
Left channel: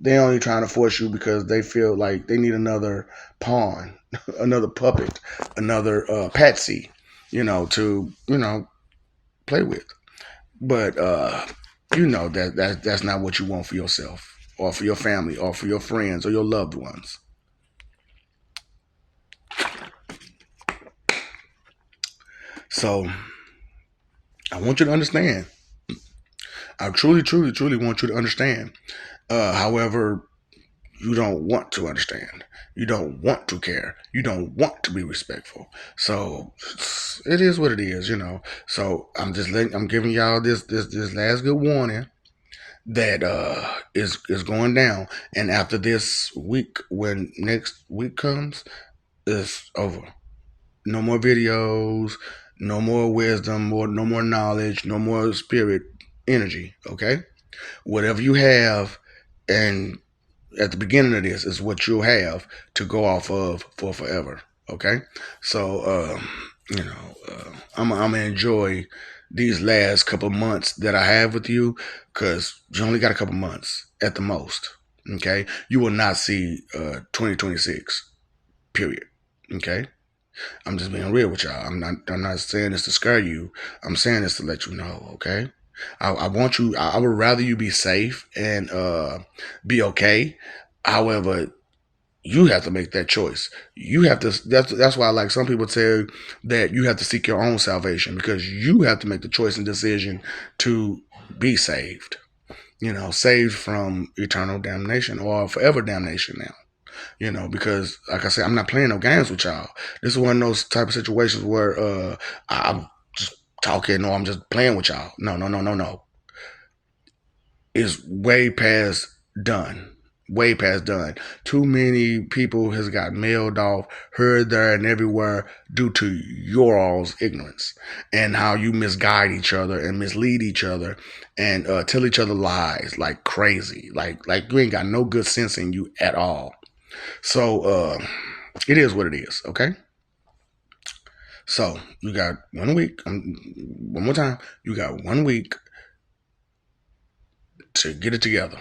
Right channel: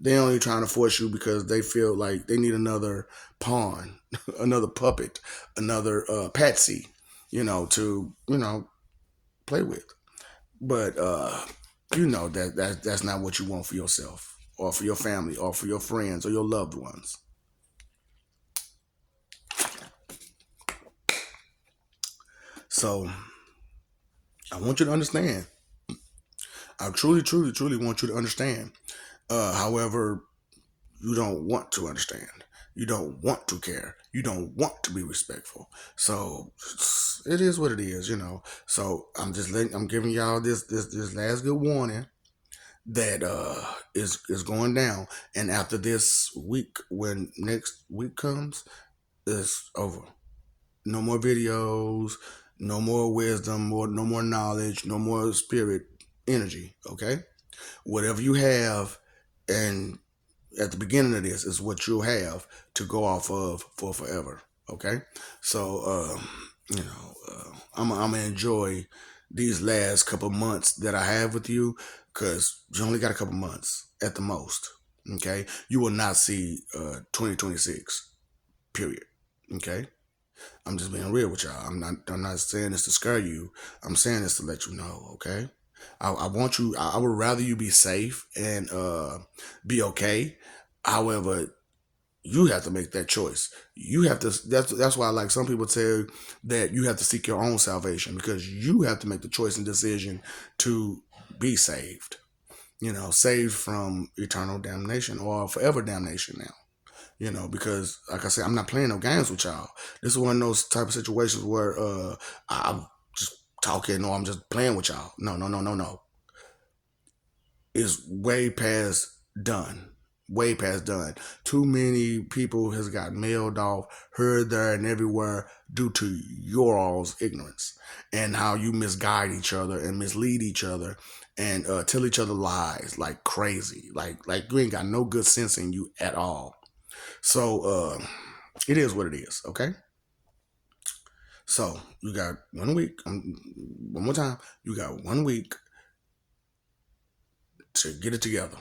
they only trying to force you because they feel like they need another pawn, another puppet, another patsy, to play with. But that's not what you want for yourself, or for your family, or for your friends, or your loved ones. So I want you to understand. I truly, truly, truly want you to understand. However, you don't want to understand. You don't want to care. You don't want to be respectful. So it is what it is. So I'm giving y'all this last good warning that is going down. And after this week, when next week comes, it's over. No more videos, no more wisdom, no more knowledge, no more spirit energy. Okay, whatever you have, and at the beginning of this is what you'll have to go off of for forever. Okay, so I'm gonna enjoy these last couple months that I have with you because you only got a couple months at the most. Okay, you will not see 2026. Period. Okay, I'm just being real with y'all. I'm not saying this to scare you. I'm saying this to let you know. Okay, I want you. I would rather you be safe and be okay. However, you have to make that choice. You have to. That's why, like some people say, that you have to seek your own salvation because you have to make the choice and decision to be saved. Saved from eternal damnation or forever damnation now. Because like I said, I'm not playing no games with y'all. This is one of those type of situations where I'm just talking or I'm just playing with y'all. No, no, no, no, no. is way past done. Way past done. Too many people has got mailed off, heard there and everywhere due to your all's ignorance and how you misguide each other and mislead each other and tell each other lies like crazy. Like you ain't got no good sense in you at all. So it is what it is. Okay. So you got 1 week. One more time. You got 1 week to get it together.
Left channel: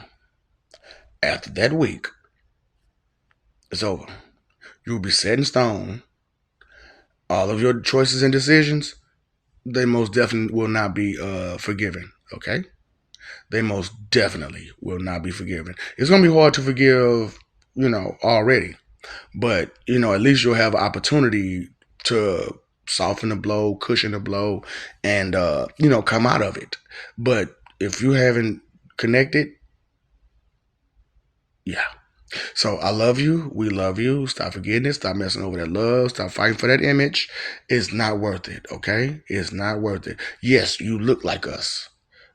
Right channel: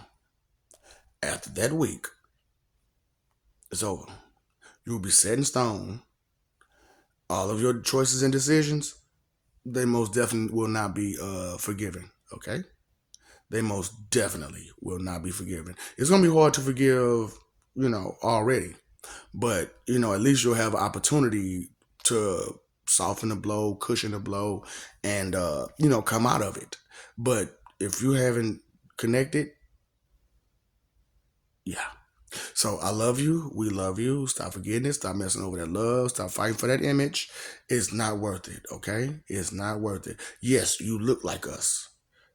After that week, it's over. You will be set in stone. All of your choices and decisions, they most definitely will not be forgiven. Okay, they most definitely will not be forgiven. It's gonna be hard to forgive, already, but at least you'll have an opportunity to soften the blow, cushion the blow, and come out of it. But if you haven't connected, yeah. So I love you. We love you. Stop forgetting it. Stop messing over that love. Stop fighting for that image. It's not worth it. Okay? It's not worth it. Yes, you look like us.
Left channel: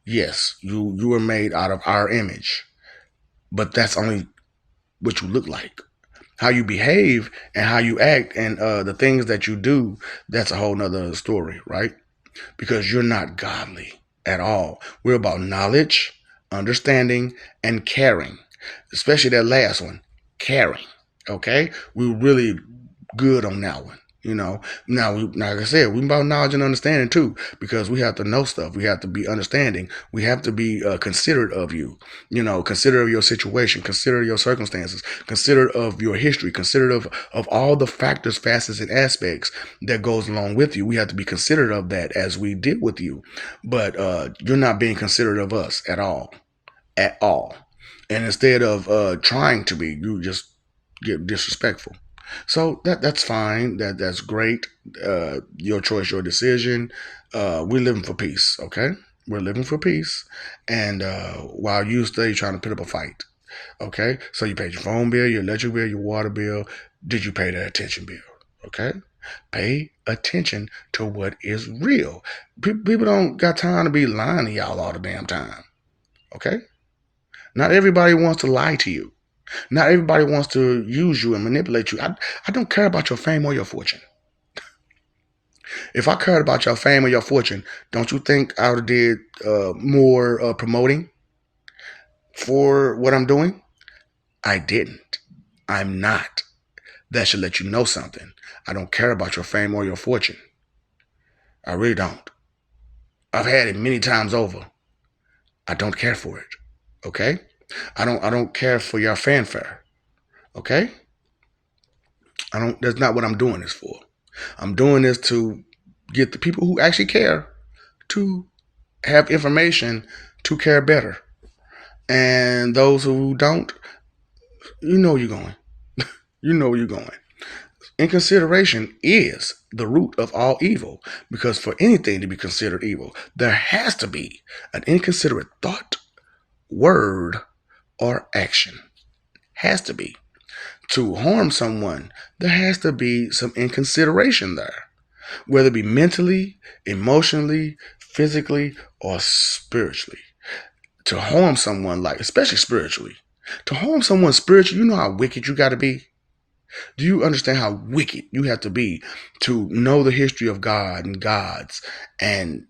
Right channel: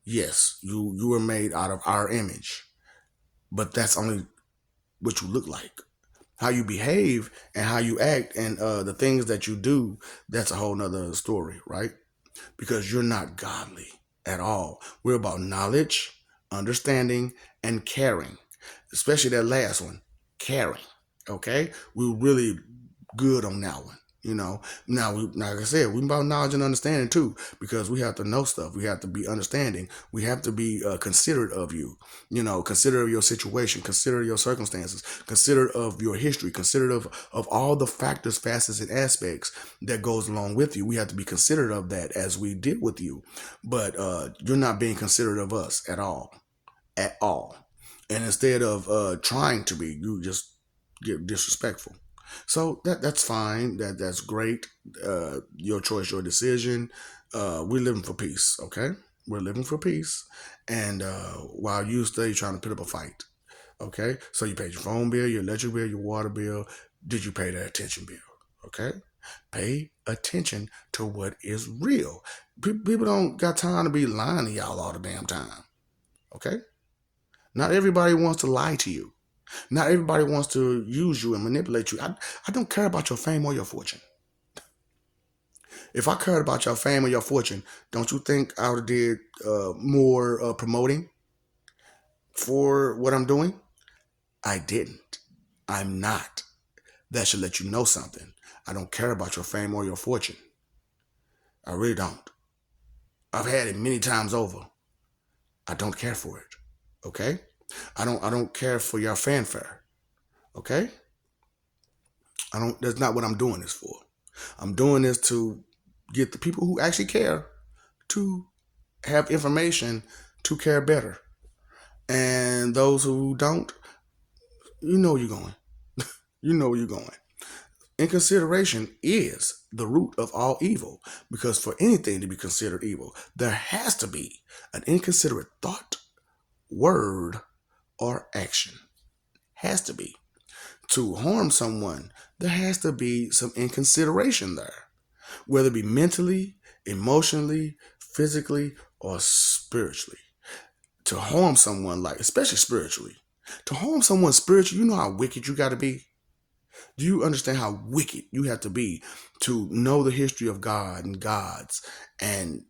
Yes, you were made out of our image. But that's only what you look like. How you behave and how you act and the things that you do, that's a whole nother story, right? Because you're not godly at all. We're about knowledge, understanding, and caring, especially that last one, caring. Okay, we're really good on that one. Now like I said, we about knowledge and understanding too, because we have to know stuff. We have to be understanding. We have to be considerate of you. Considerate of your situation, considerate of your circumstances, considerate of your history, considerate of all the factors, facets, and aspects that goes along with you. We have to be considerate of that as we deal with you. But you're not being considerate of us at all. And instead of trying to be, you just get disrespectful. So that's fine. That's great. Your choice, your decision. We're living for peace. Okay, we're living for peace. And while you stay trying to put up a fight. Okay, so you paid your phone bill, your electric bill, your water bill. Did you pay the attention bill? Okay, pay attention to what is real. People don't got time to be lying to y'all all the damn time. Okay, not everybody wants to lie to you. Not everybody wants to use you and manipulate you. I don't care about your fame or your fortune. If I cared about your fame or your fortune, don't you think I would have did more promoting for what I'm doing? I didn't. I'm not. That should let you know something. I don't care about your fame or your fortune. I really don't. I've had it many times over. I don't care for it. Okay? I don't care for your fanfare. Okay? I don't That's not what I'm doing this for. I'm doing this to get the people who actually care to have information to care better. And those who don't, you know you're going. You know where you're going. Inconsideration is the root of all evil, because for anything to be considered evil, there has to be an inconsiderate thought, word, or action. Has to be. To harm someone, there has to be some inconsideration there, whether it be mentally, emotionally, physically, or spiritually. To harm someone, like, especially spiritually, to harm someone spiritually, you know how wicked you got to be? Do you understand how wicked you have to be to know the history of God and gods and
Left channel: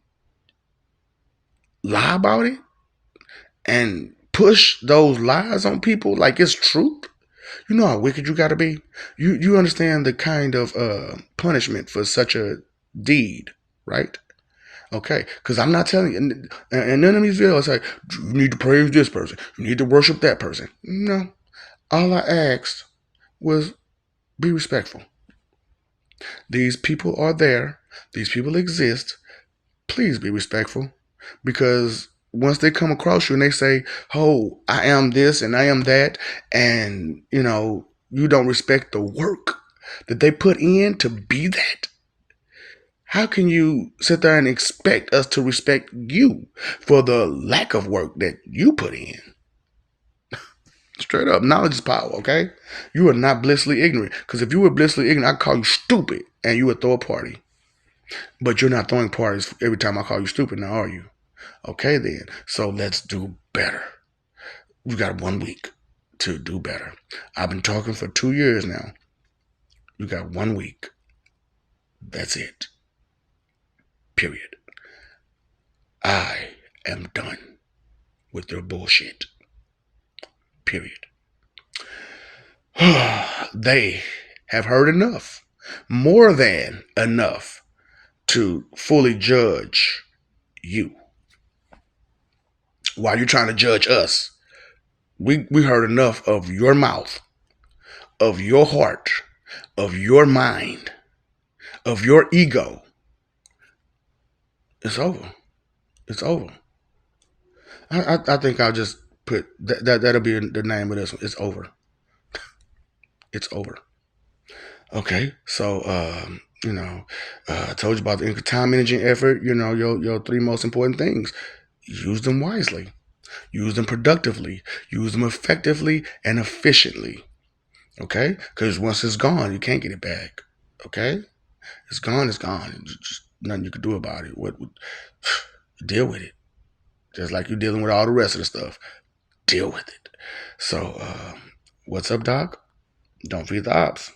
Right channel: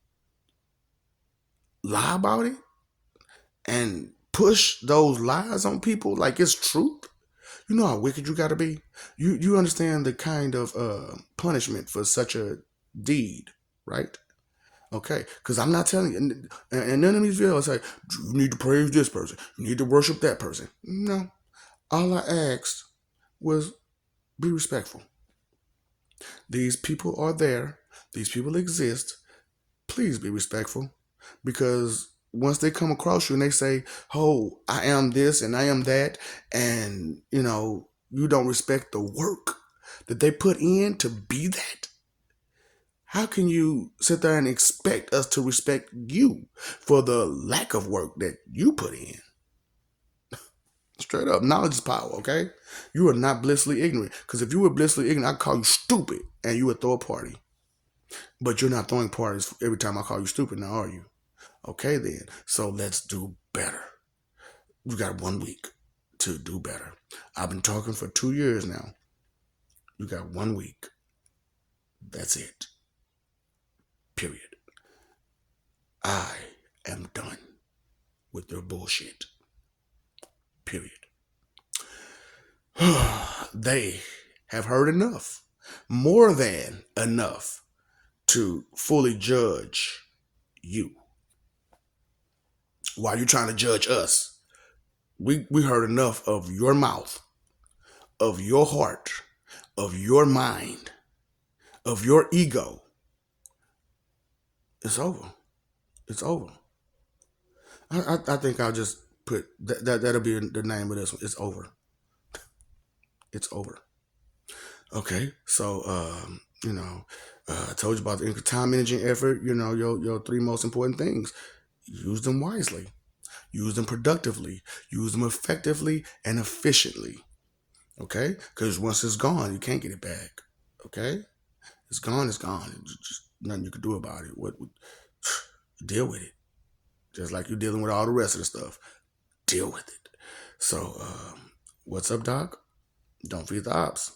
lie about it and push those lies on people like it's truth? You know how wicked you got to be? You understand the kind of punishment for such a deed, right? Okay, because I'm not telling you, and none of these videos say, you need to praise this person, you need to worship that person. No, all I asked was be respectful. These people are there, these people exist. Please be respectful, because once they come across you and they say, oh, I am this and I am that, and you don't respect the work that they put in to be that, how can you sit there and expect us to respect you for the lack of work that you put in? Straight up, knowledge is power, okay? You are not blissfully ignorant. Because if you were blissfully ignorant, I'd call you stupid and you would throw a party. But you're not throwing parties every time I call you stupid now, are you? Okay then. So let's do better. You got 1 week to do better. I've been talking for 2 years now. You got 1 week. That's it. Period. I am done with your bullshit. Period. They have heard enough. More than enough to fully judge you. While you're trying to judge us, we heard enough of your mouth, of your heart, of your mind, of your ego. It's over. It's over. I think I'll just put that'll be the name of this one. It's over. It's over. Okay, so I told you about the time, energy, and effort. Your three most important things. Use them wisely. Use them productively. Use them effectively and efficiently. Okay, because once it's gone, you can't get it back. Okay, it's gone. It's gone. Just nothing you can do about it. What deal with it? Just like you're dealing with all the rest of the stuff. Deal with it. So, what's up, Doc? Don't feed the ops.